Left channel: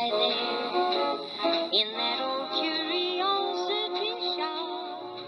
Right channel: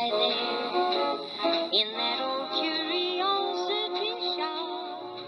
lie there in that old curiosity shop.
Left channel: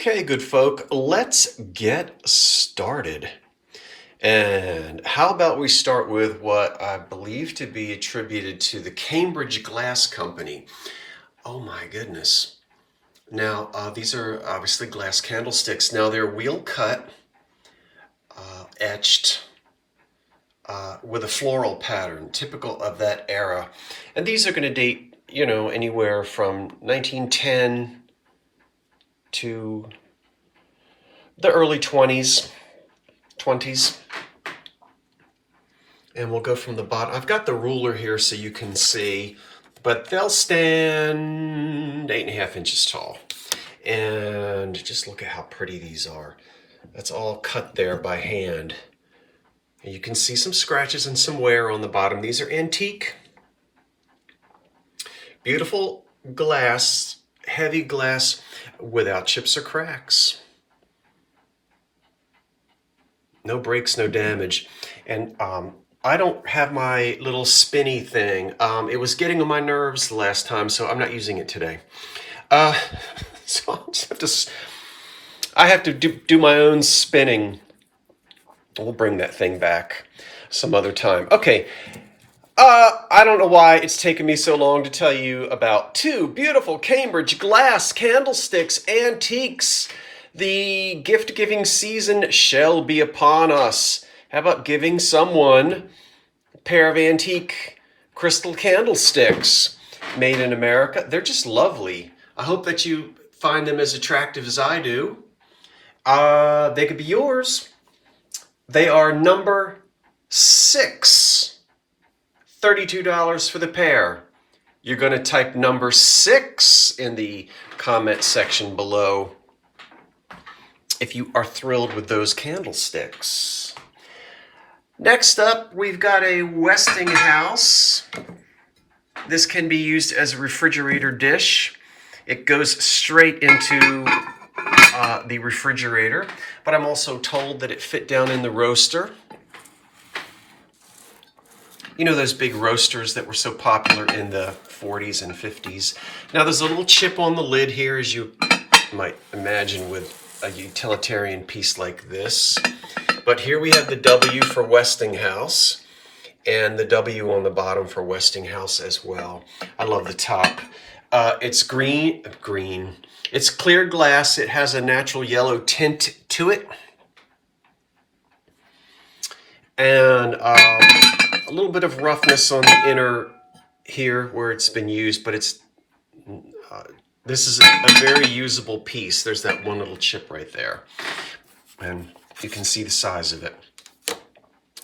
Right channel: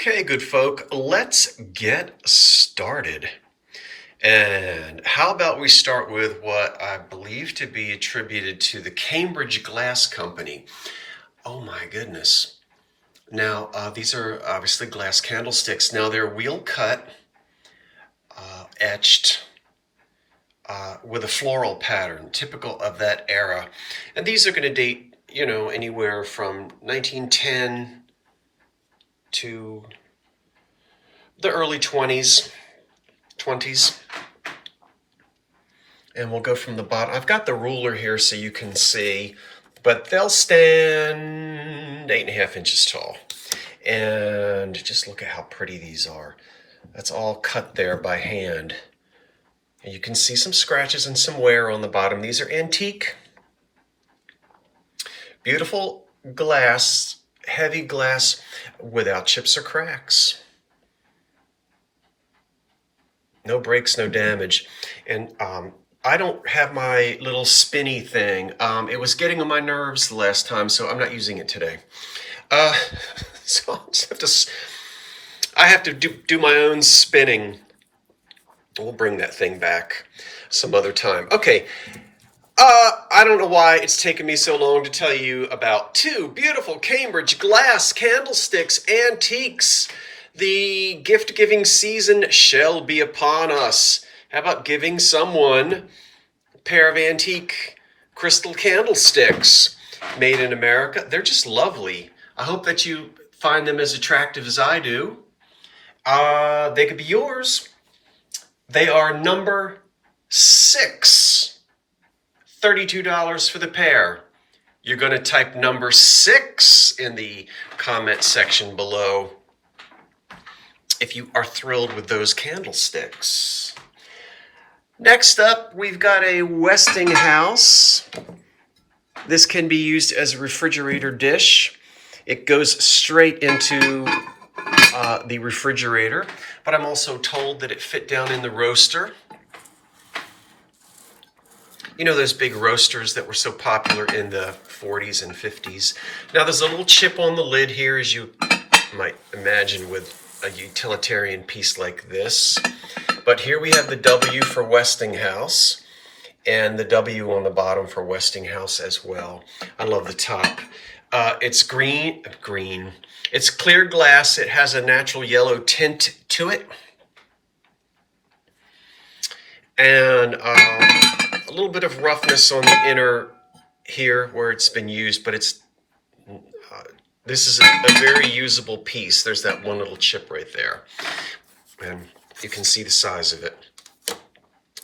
Okay, good folk, let's get started. And how about we start with what I believe to be attributed to the Cambridge Glass Company. Oh my goodness. Now, these are obviously glass candlesticks. Now, they're wheel cut, etched with a floral pattern, typical of that era. And these are going to date, anywhere from 1910 to the early 20s. And we'll go from the bottom. I've got the ruler here so you can see, but they'll stand 8.5 inches tall. And just look at how pretty these are. That's all cut there by hand. And you can see some scratches and some wear on the bottom. These are antique. Beautiful glass, heavy glass without chips or cracks. No breaks, no damage. And I don't have my little spinny thing. It was getting on my nerves the last time, so I'm not using it today. So I have to do my own spinning. We'll bring that thing back some other time. Okay. I don't know why it's taken me so long to tell you about two beautiful Cambridge glass candlesticks, antiques. The gift-giving season shall be upon us. How about giving someone a pair of antique crystal candlesticks made in America? They're just lovely. I hope that you find them as attractive as I do. They could be yours. They are number 6. $32 for the pair. You're going to type number 6 in the comment section below if you are thrilled with those candlesticks. Next up, we've got a Westinghouse. This can be used as a refrigerator dish. It goes straight into the refrigerator, but I'm also told that it fit down in the roaster. You know those big roasters that were so popular in the 40s and 50s. Now there's a little chip on the lid here, as you might imagine with a utilitarian piece like this. But here we have the W for Westinghouse and the W on the bottom for Westinghouse as well. I love the top. It's green. It's clear glass. It has a natural yellow tint to it. And a little bit of roughness on the inner here where it's been used, but it's this is a very usable piece. There's that one little chip right there, and you can see the size of it.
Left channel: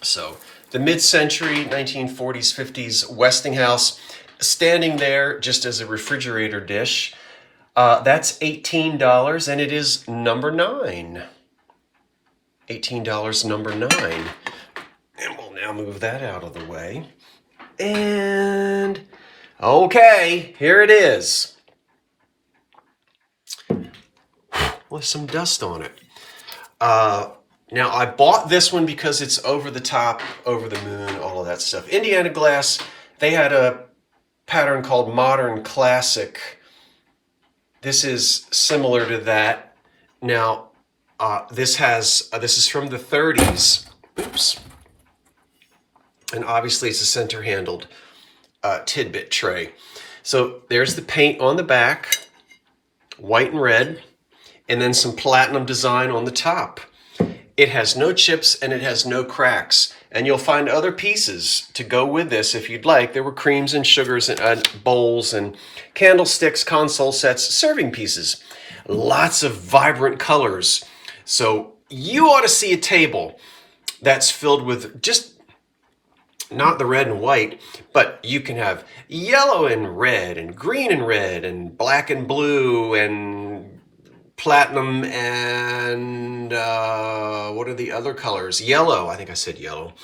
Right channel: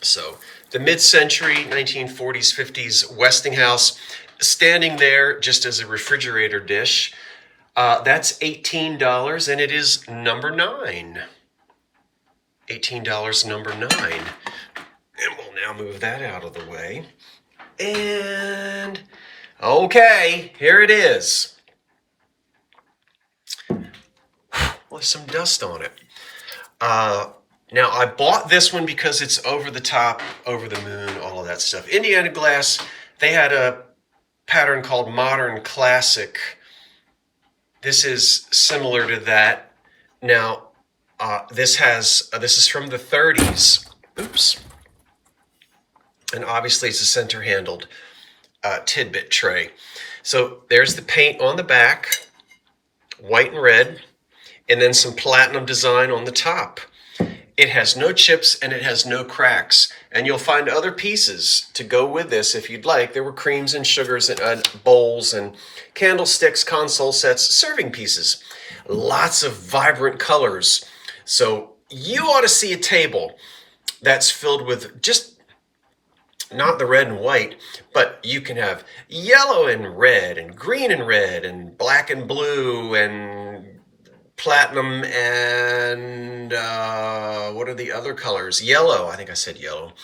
So the mid-century 1940s, 50s Westinghouse, standing there just as a refrigerator dish. That's $18, and it is number 9. $18, number 9. And we'll now move that out of the way. And okay, here it is. With some dust on it. Now, I bought this one because it's over the top, over the moon, all of that stuff. Indiana Glass, they had a pattern called Modern Classic. This is similar to that. Now, this is from the 30s. Oops. And obviously, it's a center-handled tidbit tray. So there's the paint on the back, white and red, and then some platinum design on the top. It has no chips and it has no cracks. And you'll find other pieces to go with this if you'd like. There were creams and sugars and bowls and candlesticks, console sets, serving pieces. Lots of vibrant colors. So you ought to see a table that's filled with just not the red and white, but you can have yellow and red and green and red and black and blue and platinum and what are the other colors? Yellow. I think I said yellow.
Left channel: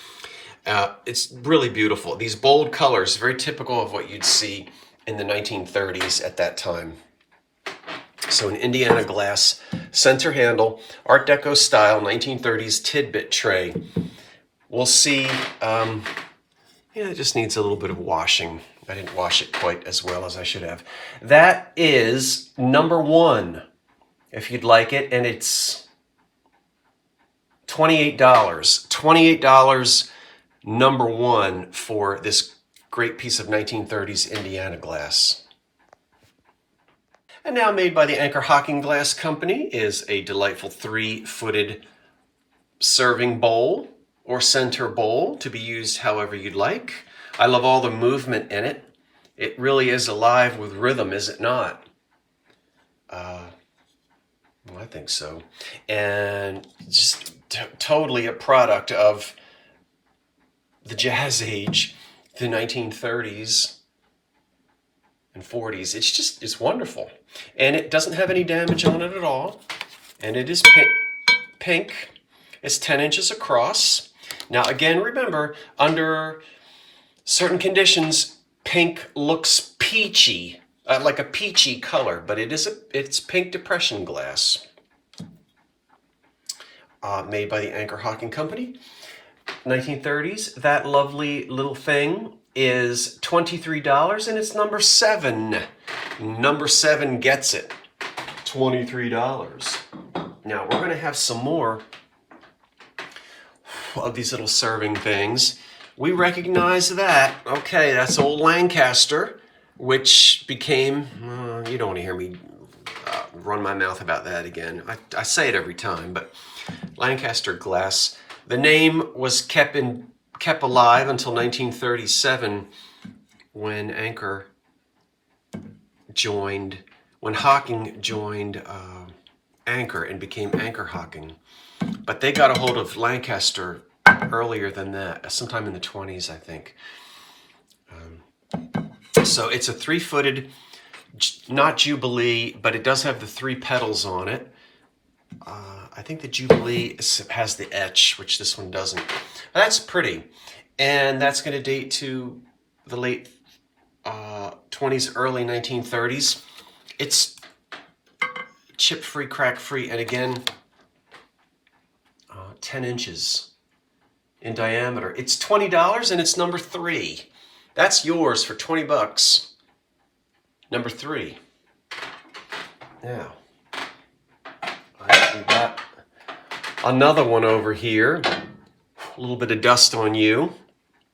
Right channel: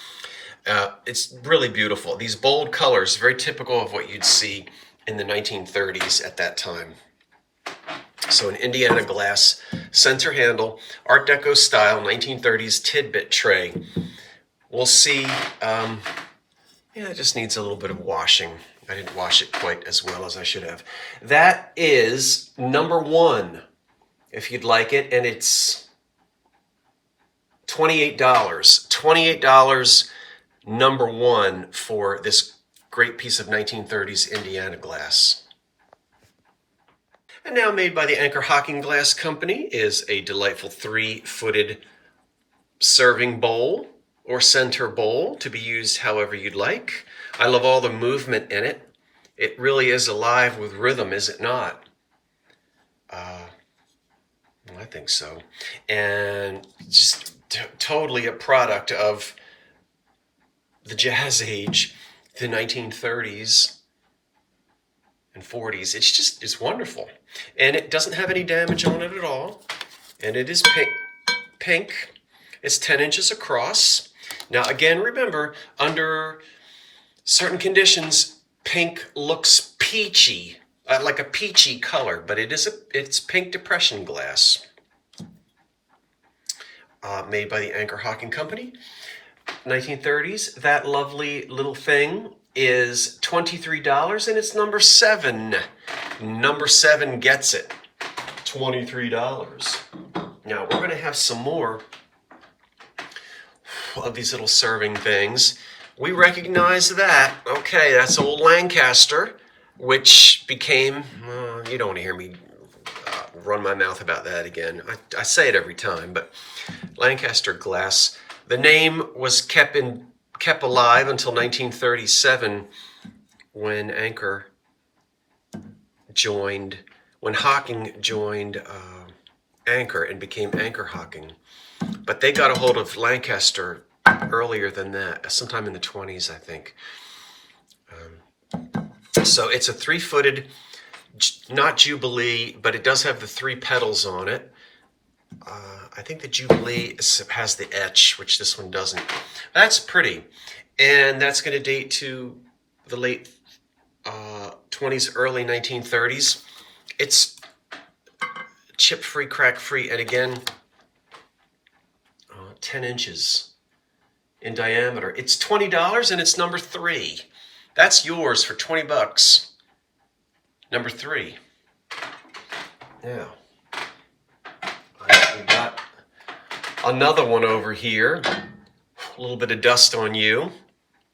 It's really beautiful. These bold colors, very typical of what you'd see in the 1930s at that time. So an Indiana Glass center handle, Art Deco style, 1930s tidbit tray. We'll see. It just needs a little bit of washing. I didn't wash it quite as well as I should have. That is number 1. If you'd like it, and it's $28. $28, number 1 for this great piece of 1930s Indiana Glass. And now made by the Anchor Hocking Glass Company is a delightful 3-footed serving bowl or center bowl to be used however you'd like. I love all the movement in it. It really is alive with rhythm, is it not? I think so. And just totally a product of the Jazz Age, the 1930s and 40s. It's wonderful. And it doesn't have any damage on it at all. And it is pink. It's 10 inches across. Now, again, remember, under certain conditions, pink looks peachy. Like a peachy color, but it's pink depression glass. Made by the Anchor Hocking Company, 1930s. That lovely little thing is $23, and it's number 7. Number 7 gets it. $23. Now, we're going to have some more of these little serving things. We recognize that. Okay, that's old Lancaster, which became, you don't want to hear me run my mouth about that again. I say it every time, but Lancaster Glass. The name was kept alive until 1937 when Hocking joined Anchor and became Anchor Hocking. But they got a hold of Lancaster earlier than that, sometime in the 20s, I think. So it's a 3-footed, not Jubilee, but it does have the 3 petals on it. I think the Jubilee has the etch, which this one doesn't. That's pretty. And that's going to date to the late 20s, early 1930s. It's chip-free, crack-free, and again, 10 inches in diameter. It's $20, and it's number 3. That's yours for $20. Number 3. Now, I actually got another one over here. A little bit of dust on you.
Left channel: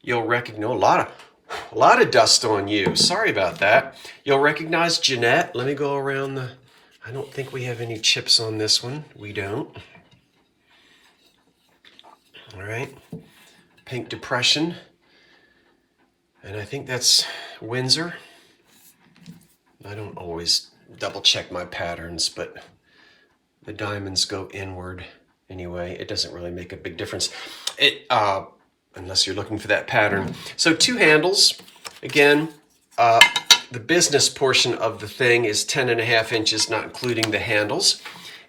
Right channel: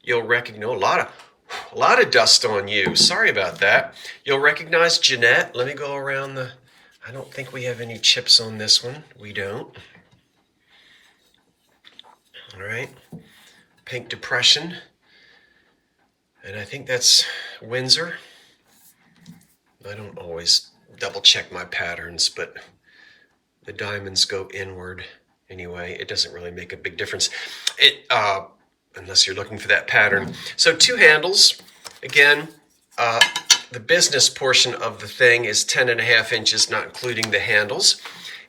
You'll recognize a lot of dust on you. Sorry about that. You'll recognize Jeanette. Let me go around I don't think we have any chips on this one. We don't. All right. Pink Depression. And I think that's Windsor. I don't always double check my patterns, but the diamonds go inward anyway. It doesn't really make a big difference, unless you're looking for that pattern. So 2 handles. Again, The business portion of the thing is 10.5 inches, not including the handles.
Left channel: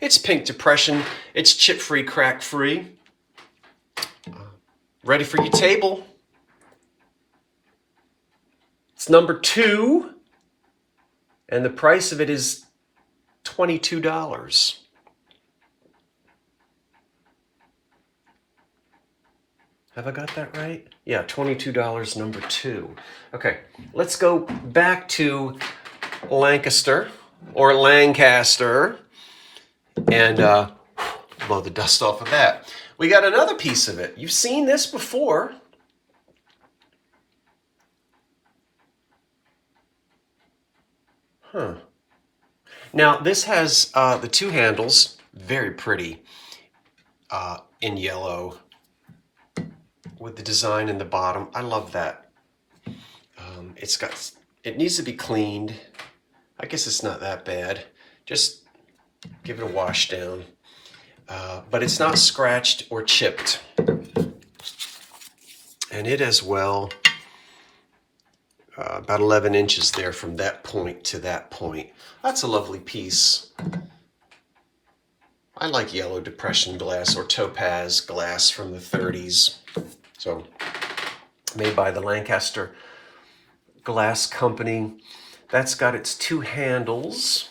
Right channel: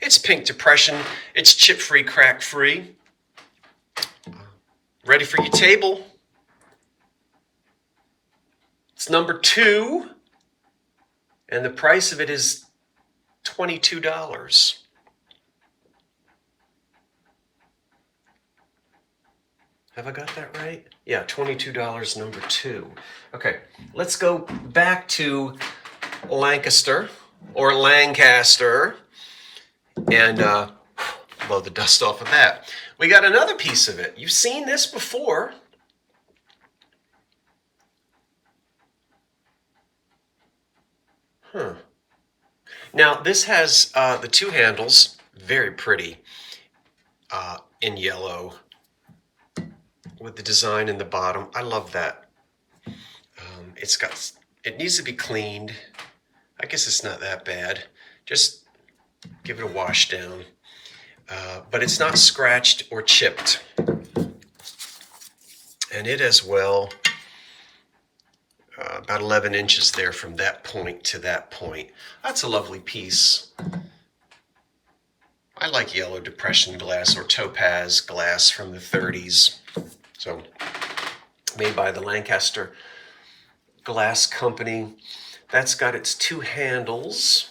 It's pink depression. It's chip-free, crack-free. Ready for your table. It's number 2, and the price of it is $22. Have I got that right? Yeah, $22, number 2. Okay, let's go back to Lancaster or Lancaster and blow the dust off of that. We got another piece of it. You've seen this before. Huh. Now, this has the 2 handles, very pretty, in yellow, with the design in the bottom. I love that. It needs to be cleaned. I guess it's not that bad. Just give it a wash down. But it's not scratched or chipped. And it as well, about 11 inches there from that point to that point. That's a lovely piece. I like yellow depression glass or topaz glass from the 30s. So, made by the Lancaster Glass Company. That's got its 2 handles.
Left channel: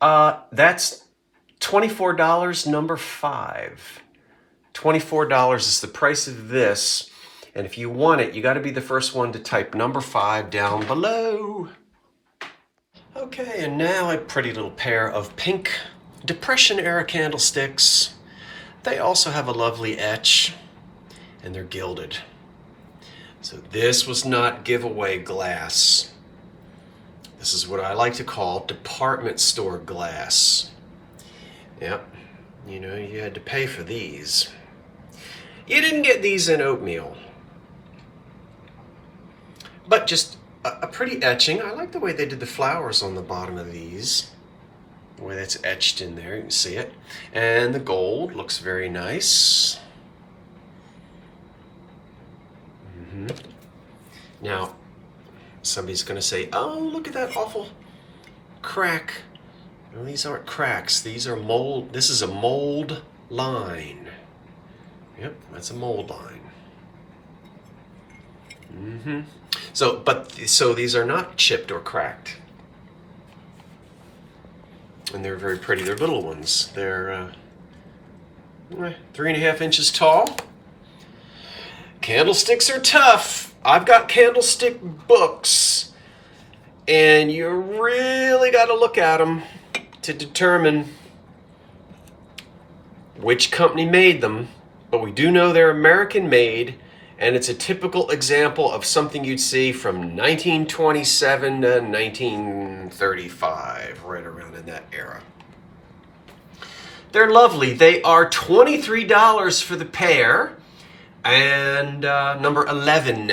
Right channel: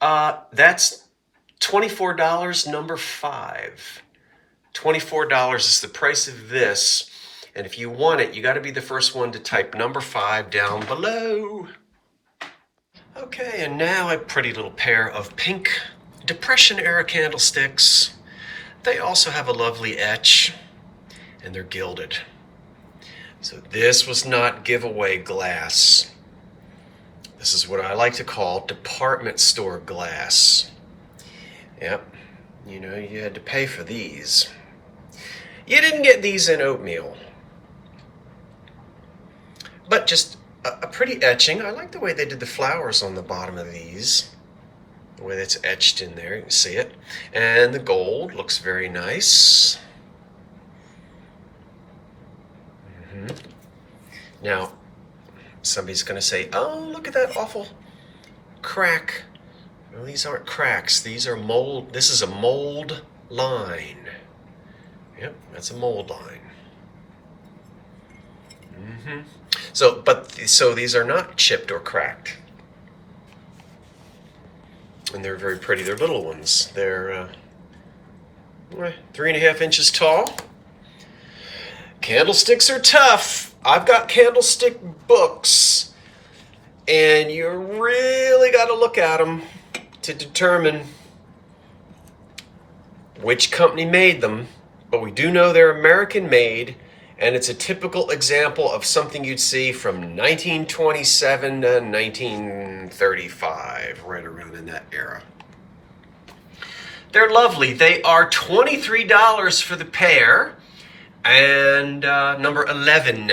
That's $24, number 5. $24 is the price of this. And if you want it, you got to be the first one to type number 5 down below. Okay, and now a pretty little pair of pink Depression era candlesticks. They also have a lovely etch, and they're gilded. So this was not giveaway glass. This is what I like to call department store glass. Yep, you know, you had to pay for these. You didn't get these in oatmeal. But just a pretty etching. I like the way they did the flowers on the bottom of these. The way that's etched in there, you can see it. And the gold looks very nice. Now, somebody's going to say, oh, look at that awful crack. Well, these aren't cracks. These are mold. This is a mold line. Yep, that's a mold line. So these are not chipped or cracked. And they're very pretty. They're little ones. They're 3.5 inches tall. Candlesticks are tough. I've got candlestick books, and you really got to look at them to determine which company made them. But we do know they're American made, and it's a typical example of something you'd see from 1927 to 1935, right around in that era. They're lovely. They are $23 for the pair, and number 11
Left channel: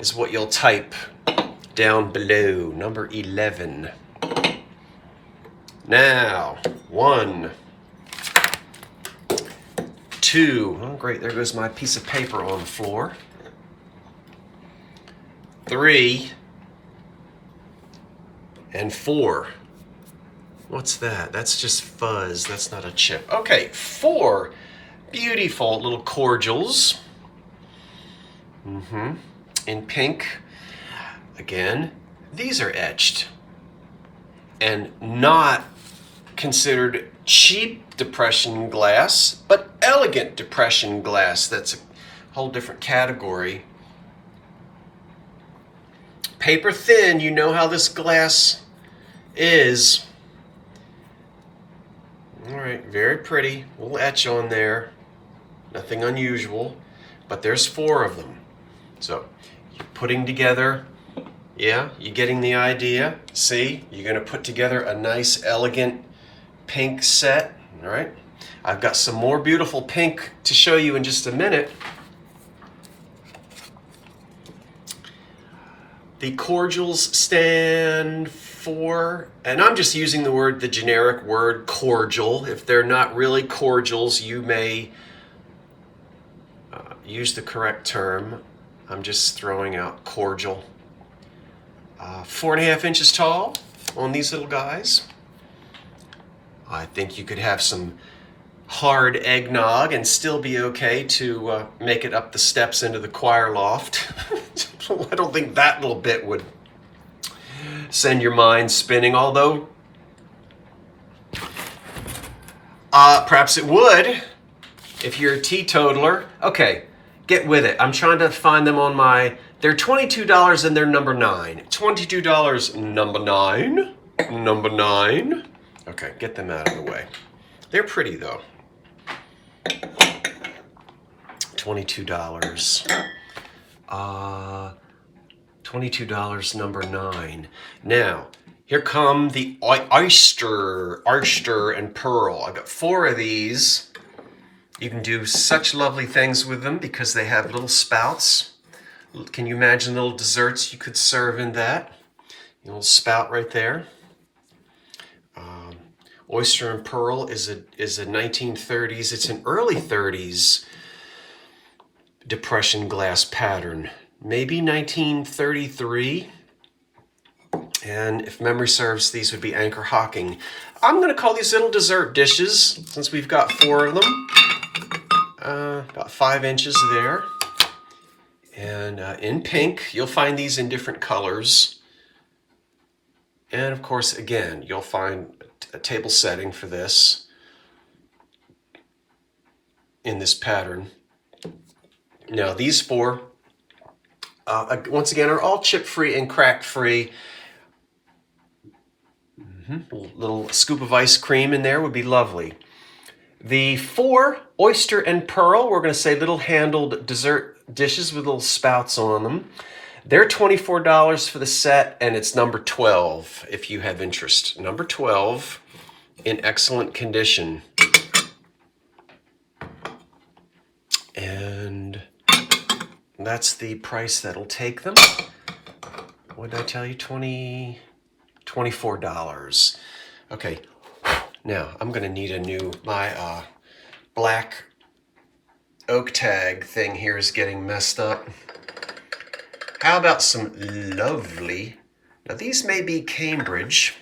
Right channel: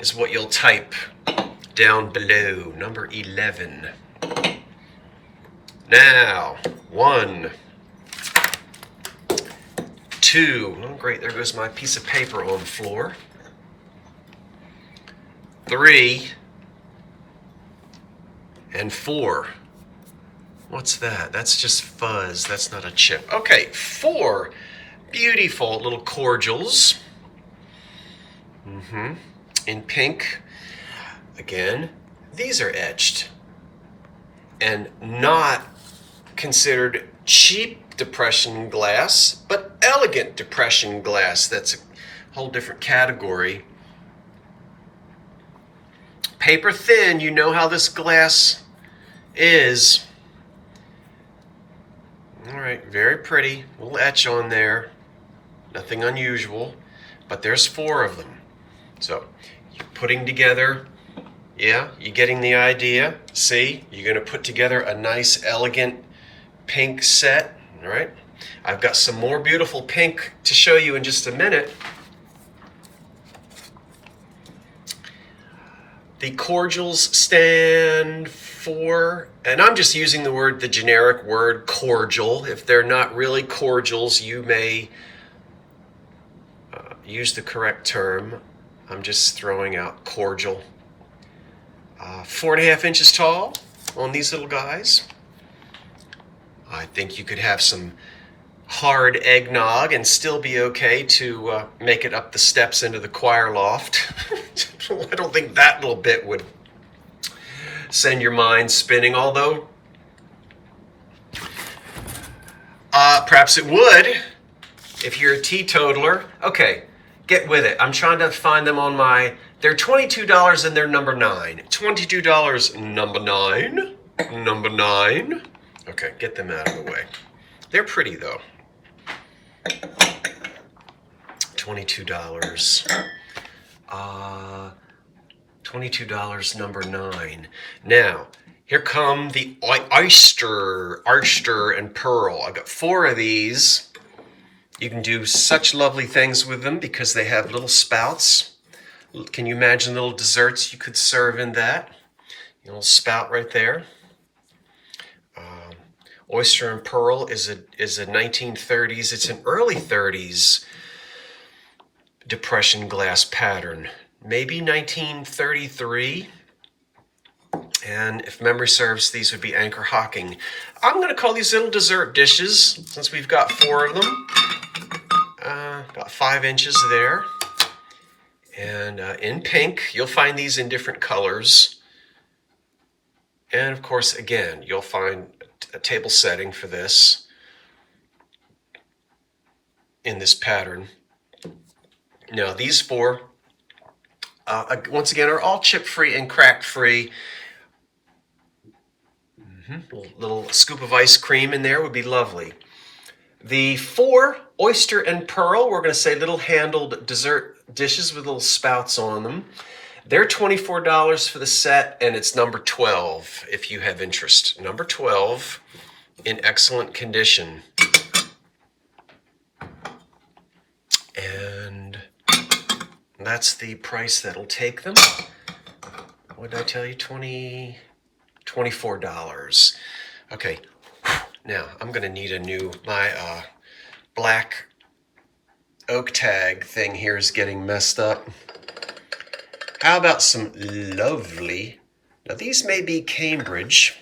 is what you'll type down below, number 11. Now, 1, 2, oh great, there goes my piece of paper on the floor. 3, and 4. What's that? That's just fuzz, that's not a chip. Okay, 4 beautiful little cordials. In pink. Again, these are etched and not considered cheap depression glass, but elegant depression glass. That's a whole different category. Paper thin, you know how this glass is. All right, very pretty. A little etch on there. Nothing unusual, but there's 4 of them. So, you're putting together, yeah, you're getting the idea. See, you're going to put together a nice, elegant pink set, all right? I've got some more beautiful pink to show you in just a minute. The cordials stand for, and I'm just using the generic word cordial. If they're not really cordials, you may use the correct term. I'm just throwing out cordial. 4.5 inches tall on these little guys. I think you could have some hard eggnog and still be okay to make it up the steps into the choir loft. I don't think that little bit would send your mind spinning, although perhaps it would if you're a teetotaler. Okay, get with it. I'm trying to find them on my... They're $22 and they're number 9. $22, number 9. Number 9. Okay, get them out of the way. They're pretty though. $22. $22, number 9. Now, here come the oyster and pearl. I got 4 of these. You can do such lovely things with them because they have little spouts. Can you imagine little desserts you could serve in that? A little spout right there. Oyster and pearl is a 1930s. It's an early 30s Depression glass pattern. Maybe 1933. And if memory serves, these would be Anchor Hocking. I'm going to call these little dessert dishes since we've got 4 of them. About 5 inches there. And in pink, you'll find these in different colors. And of course, again, you'll find a table setting for this in this pattern. Now, these 4, once again, are all chip-free and crack-free. A little scoop of ice cream in there would be lovely. The 4 oyster and pearl, we're going to say little handled dessert dishes with little spouts on them. They're $24 for the set, and it's number 12 if you have interest. Number 12 in excellent condition. And that's the price that'll take them. What did I tell you? $24. Okay, now I'm gonna need my black oak tag thing here is getting messed up. How about some lovely, now these may be Cambridge.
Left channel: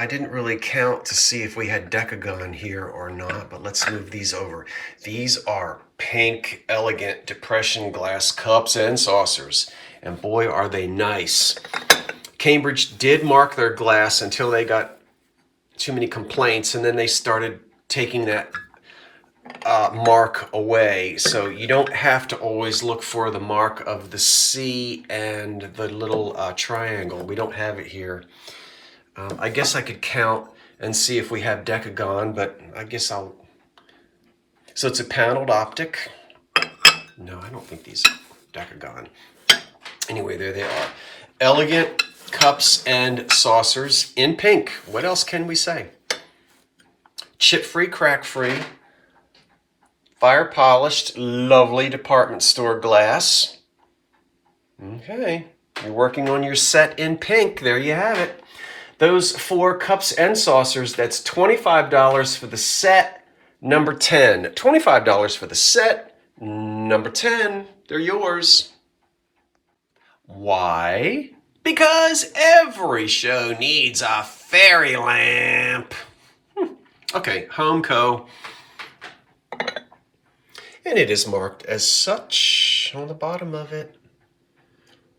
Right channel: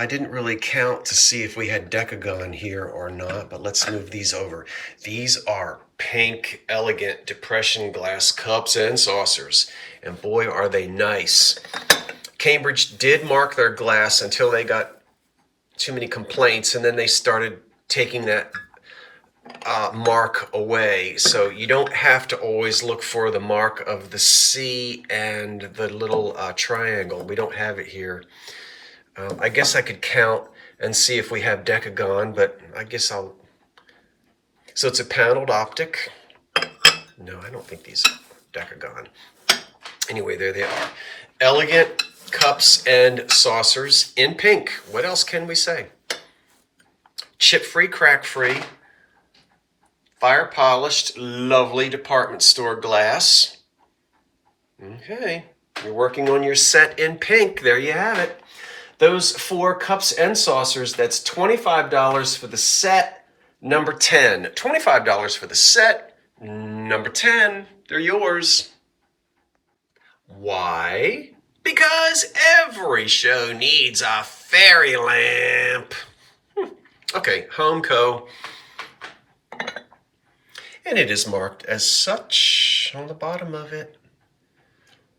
I didn't really count to see if we had Decagon here or not, but let's move these over. These are pink, elegant Depression glass cups and saucers. And boy, are they nice. Cambridge did mark their glass until they got too many complaints, and then they started taking that mark away. So you don't have to always look for the mark of the C and the little triangle. We don't have it here. I guess I could count and see if we have Decagon, but I guess I'll... So it's a paneled optic. No, I don't think these are Decagon. Anyway, there they are. Elegant cups and saucers in pink. What else can we say? Chip-free, crack-free, fire-polished, lovely department store glass. Okay, you're working on your set in pink. There you have it. Those 4 cups and saucers, that's $25 for the set, number 10. $25 for the set, number 10. They're yours. Why? Because every show needs a fairy lamp. Okay, Homeco. And it is marked as such on the bottom of it.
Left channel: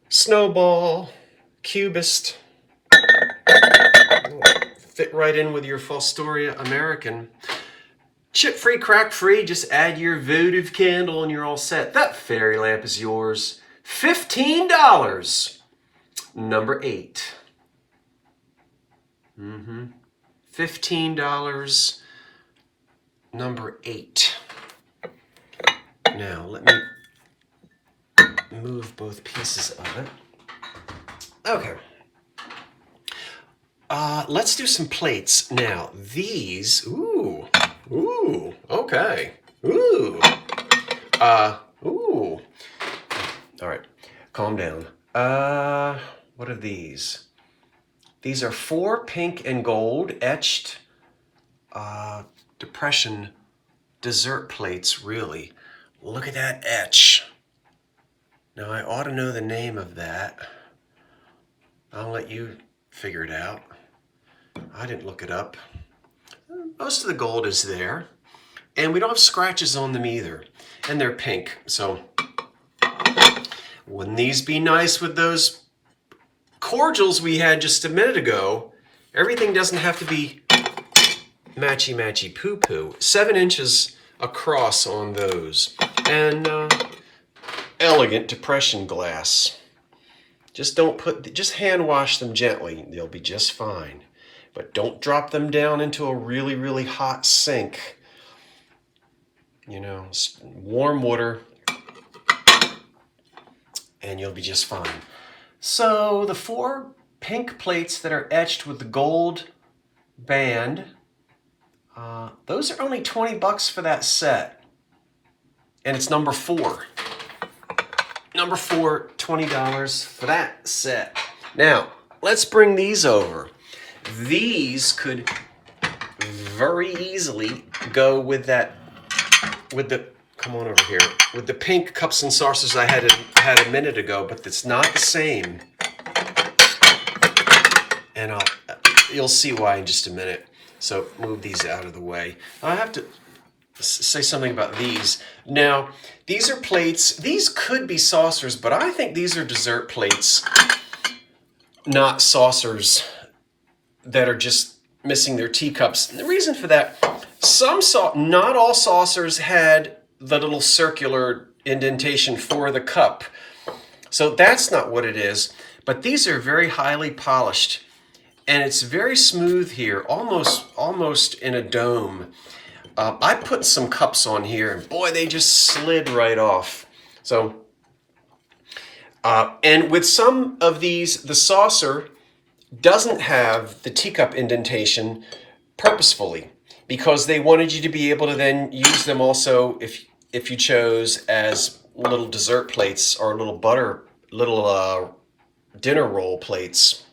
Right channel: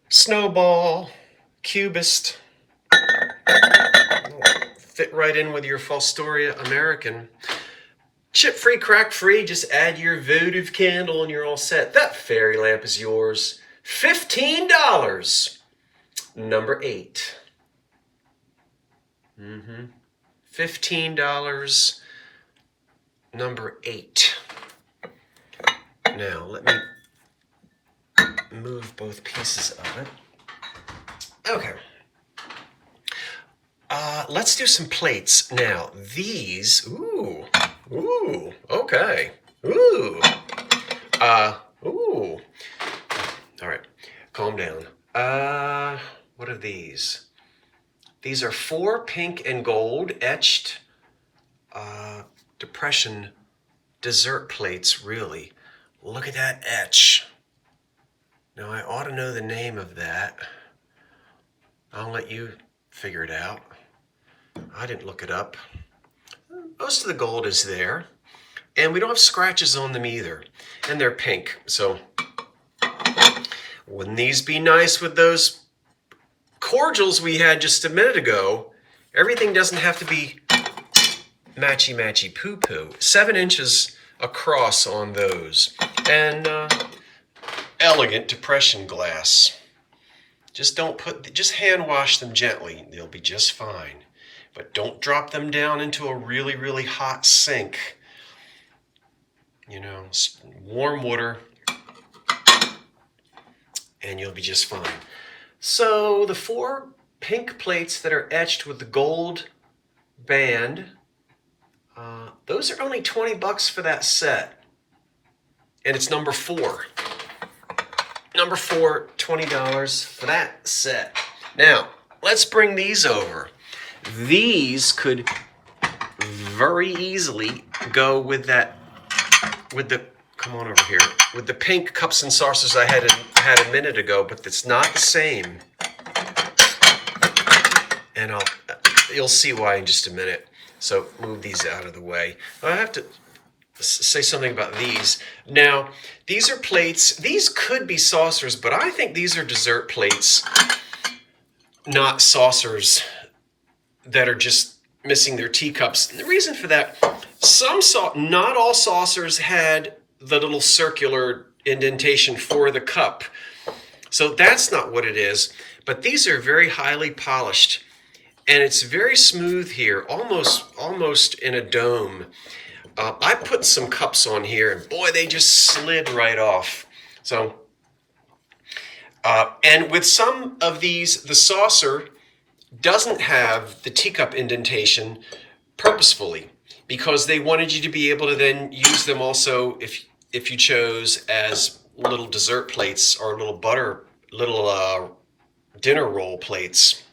Snowball, Cubist. Fit right in with your Fostoria American. Chip-free, crack-free, just add your votive candle and you're all set. That fairy lamp is yours. $15. Number 8. $15. Number 8. Now, let me move both pieces of it. Okay. Let's do some plates. Now, these, okay. Ooh. All right, calm down. What are these? These are 4 pink and gold etched Depression dessert plates, really. Look at that etch. Now, I ought to know the name of that. I'll let you figure it out. I didn't look it up. Most of the gold is there. And we don't have scratches on them either. And they're pink. So, wouldn't these be nice with those cordials we had just a minute ago? Everything doesn't have to be matchy-matchy poo-poo. 7 inches across on those. And elegant depression glass. Just hand wash them gently. They'll be just fine. But don't drop them down into a really, really hot sink. You know, warm water, and you'll be just fine. So the 4 pink plates that are etched with the gold band, those are only $20 for that set. And it's number 4. Number 4, $20 for that set. Now, let's bring these over. These could very easily go with the pink cups and saucers I had a minute ago, but it's not the same. And you'll see why in just a minute. So move these out of the way. I have to say something about these. Now, these are plates. These could be saucers, but I think these are dessert plates, not saucers that are just missing their teacups. And the reason for that, not all saucers had the little circular indentation for the cup. So that's not what it is. But these are very highly polished. And it's very smooth here, almost in a dome. I put some cups on here, and boy, they just slid right off. So, and with some of these, the saucer doesn't have the teacup indentation purposefully, because they wanted you to be able to then use them also if you chose as little dessert plates or little dinner roll plates.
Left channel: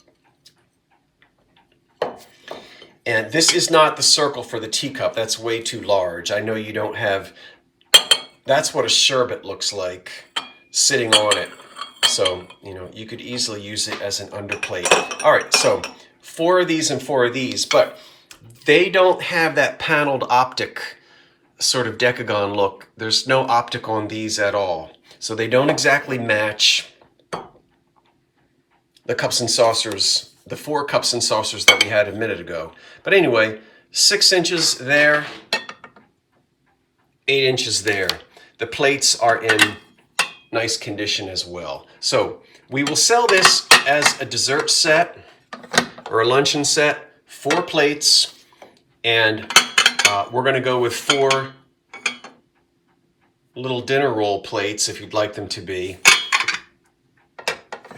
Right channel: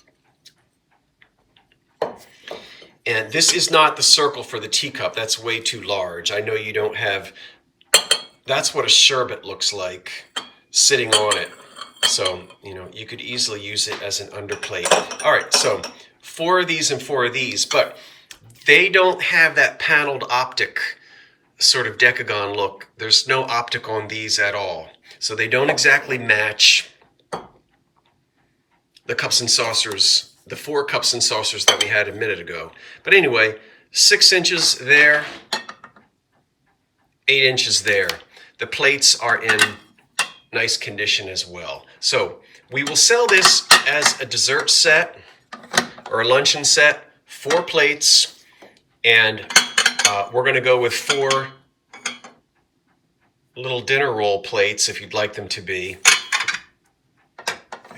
And this is not the circle for the teacup. That's way too large. I know you don't have... That's what a sherbet looks like sitting on it. So, you know, you could easily use it as an underplate. All right, so 4 of these and 4 of these. But they don't have that paneled optic sort of decagon look. There's no optic on these at all. So they don't exactly match the cups and saucers, the 4 cups and saucers that we had a minute ago. But anyway, 6 inches there, 8 inches there. The plates are in nice condition as well. So we will sell this as a dessert set or a luncheon set, 4 plates, and we're going to go with 4 little dinner roll plates if you'd like them to be.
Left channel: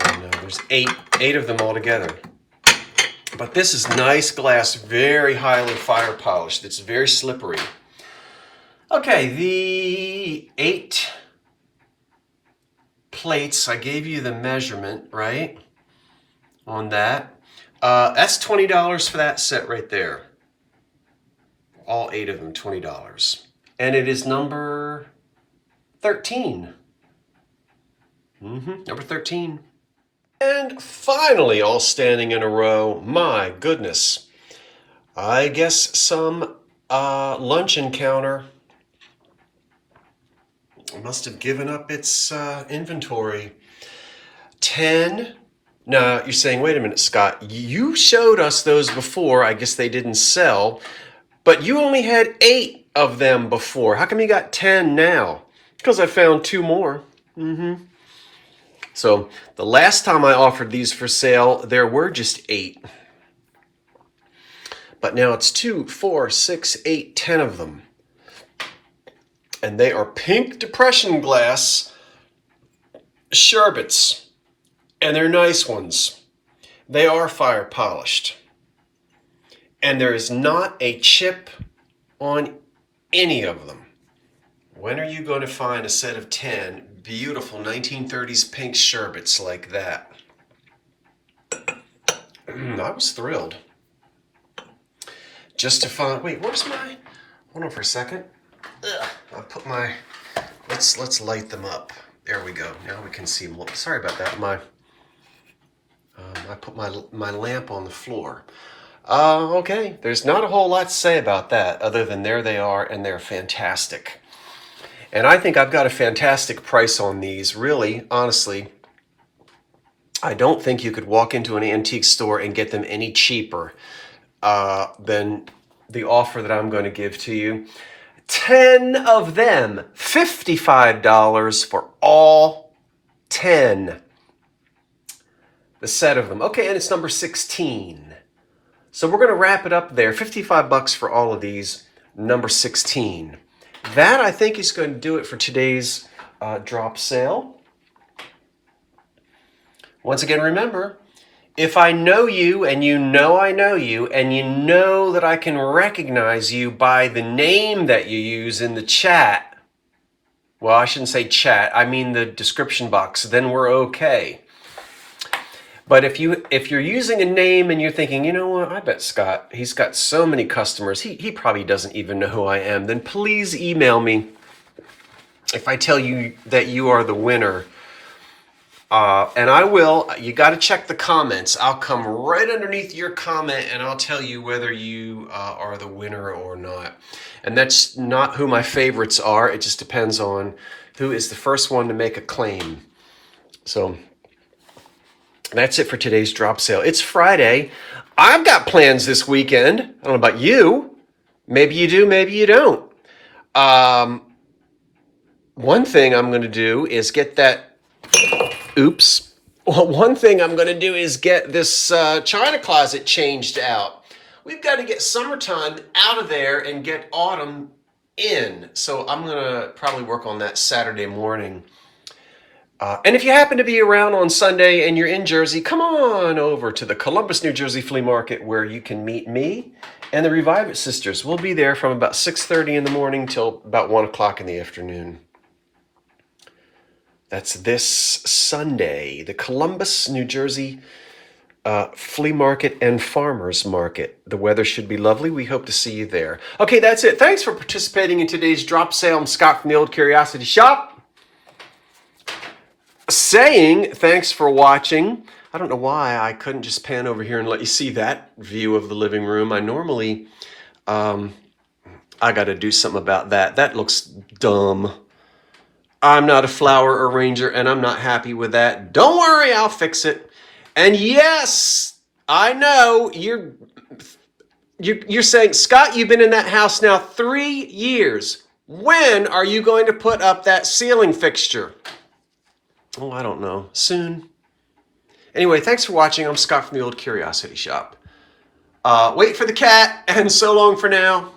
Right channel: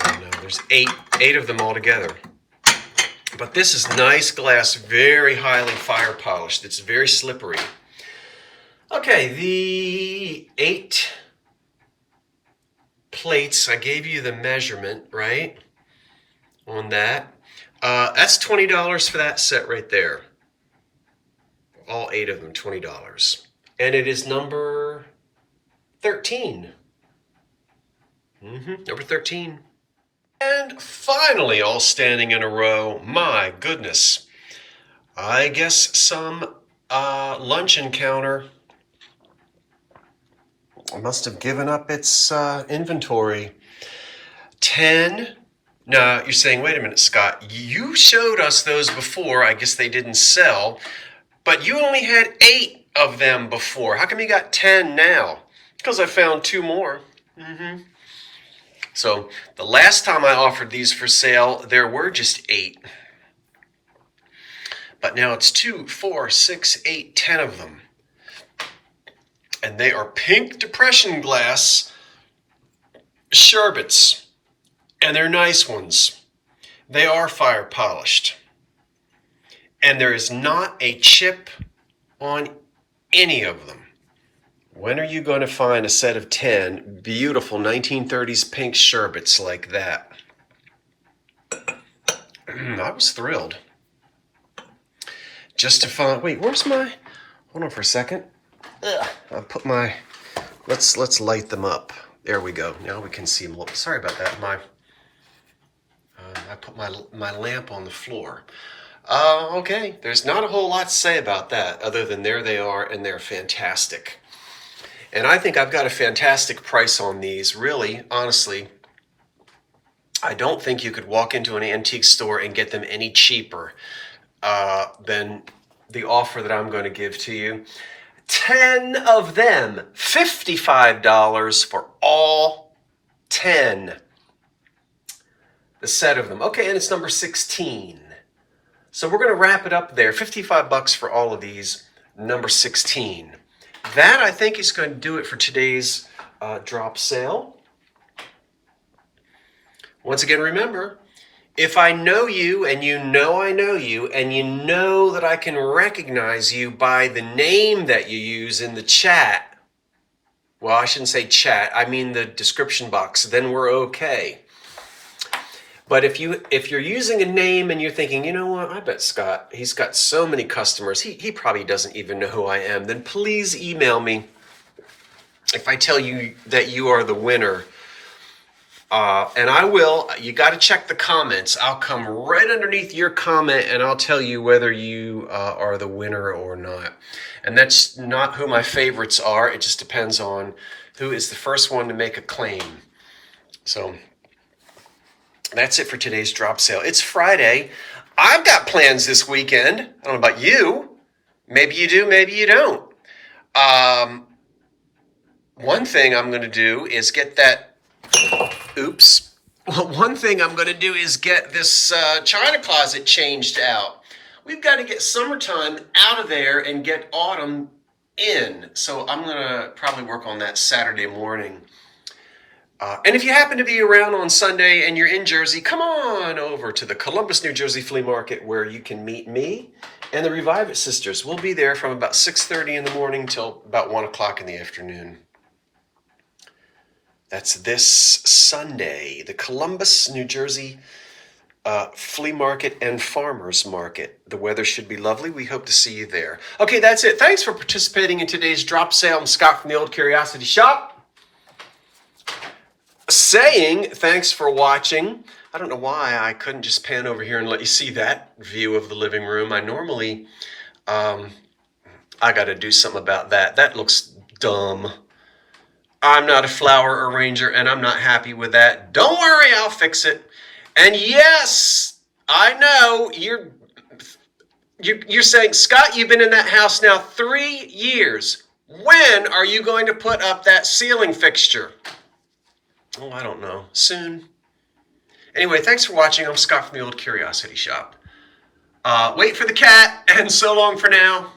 And there's 8 of them all together. But this is nice glass, very highly fire polished. It's very slippery. Okay, the 8 plates, I gave you the measurement, right, on that. That's $20 for that set right there. All 8 of them, $20. And it is number 13. Number 13. And finally, all standing in a row, my goodness, I guess some luncheon counter must have given up its inventory. 10. Now, you're saying, wait a minute, Scott, you showed us those before. I guess they didn't sell, but you only had 8 of them before. How come you got 10 now? Because I found 2 more. So the last time I offered these for sale, there were just 8. But now it's 2, 4, 6, 8, 10 of them. And they are pink depression glass sherbets. And they're nice ones. They are fire polished. And there is not a chip on any of them. When are you going to find a set of 10 beautiful 1930s pink sherbets like that? I was thrilled. Just to find, wait, where's my, hold on for a second. I'll put my, let's light them up. There we go. Now we can see them. Sorry about that. I put my lamp on the floor. Okay, there's not a whole lot to say about that other than there they are, and they're fantastic. And I think I've got a fantastic price on these. Really, honestly, I don't think you could walk into an antique store and get them any cheaper than the offer that I'm going to give to you. 10 of them, $55 for all 10. The set of them. Okay, and it's number 16. So we're going to wrap it up there. 55 bucks for all of these, number 16. That, I think, is going to do it for today's drop sale. Once again, remember, if I know you and you know I know you and you know that I can recognize you by the name that you use in the chat, well, I shouldn't say chat, I mean the description box, then we're okay. But if you're using a name and you're thinking, you know what, I bet Scott, he's got so many customers, he probably doesn't even know who I am, then please email me if I tell you that you are the winner. And I will, you got to check the comments. I'll come right underneath your comment and I'll tell you whether you are the winner or not. And that's not who my favorites are. It just depends on who is the first one to make a claim. So that's it for today's drop sale. It's Friday. I've got plans this weekend. I don't know about you. Maybe you do, maybe you don't. One thing I'm going to do is get that, oops. Well, one thing I'm going to do is get this china closet changed out. We've got to get summertime out of there and get autumn in. So I'm going to probably work on that Saturday morning. And if you happen to be around on Sunday and you're in Jersey, come on over to the Columbus, New Jersey Flea Market where you can meet me and the Revive It Sisters. We'll be there from about 6:30 in the morning till about 1 o'clock in the afternoon. That's this Sunday, the Columbus, New Jersey Flea Market and Farmers Market. The weather should be lovely. We hope to see you there. Okay, that's it. Thanks for participating in today's drop sale. I'm Scott from the Old Curiosity Shop. Saying thanks for watching. I don't know why I couldn't just pan over here and let you see that view of the living room. I normally, I got to do something about that. That looks dumb. I'm not a flower arranger and I'm not happy with that. Don't worry, I'll fix it. And yes, I know you're saying, Scott, you've been in that house now 3 years. When are you going to put up that ceiling fixture? Oh, I don't know. Soon. Anyway, thanks for watching. I'm Scott from the Old Curiosity Shop. Wait for the cat, and so long for now.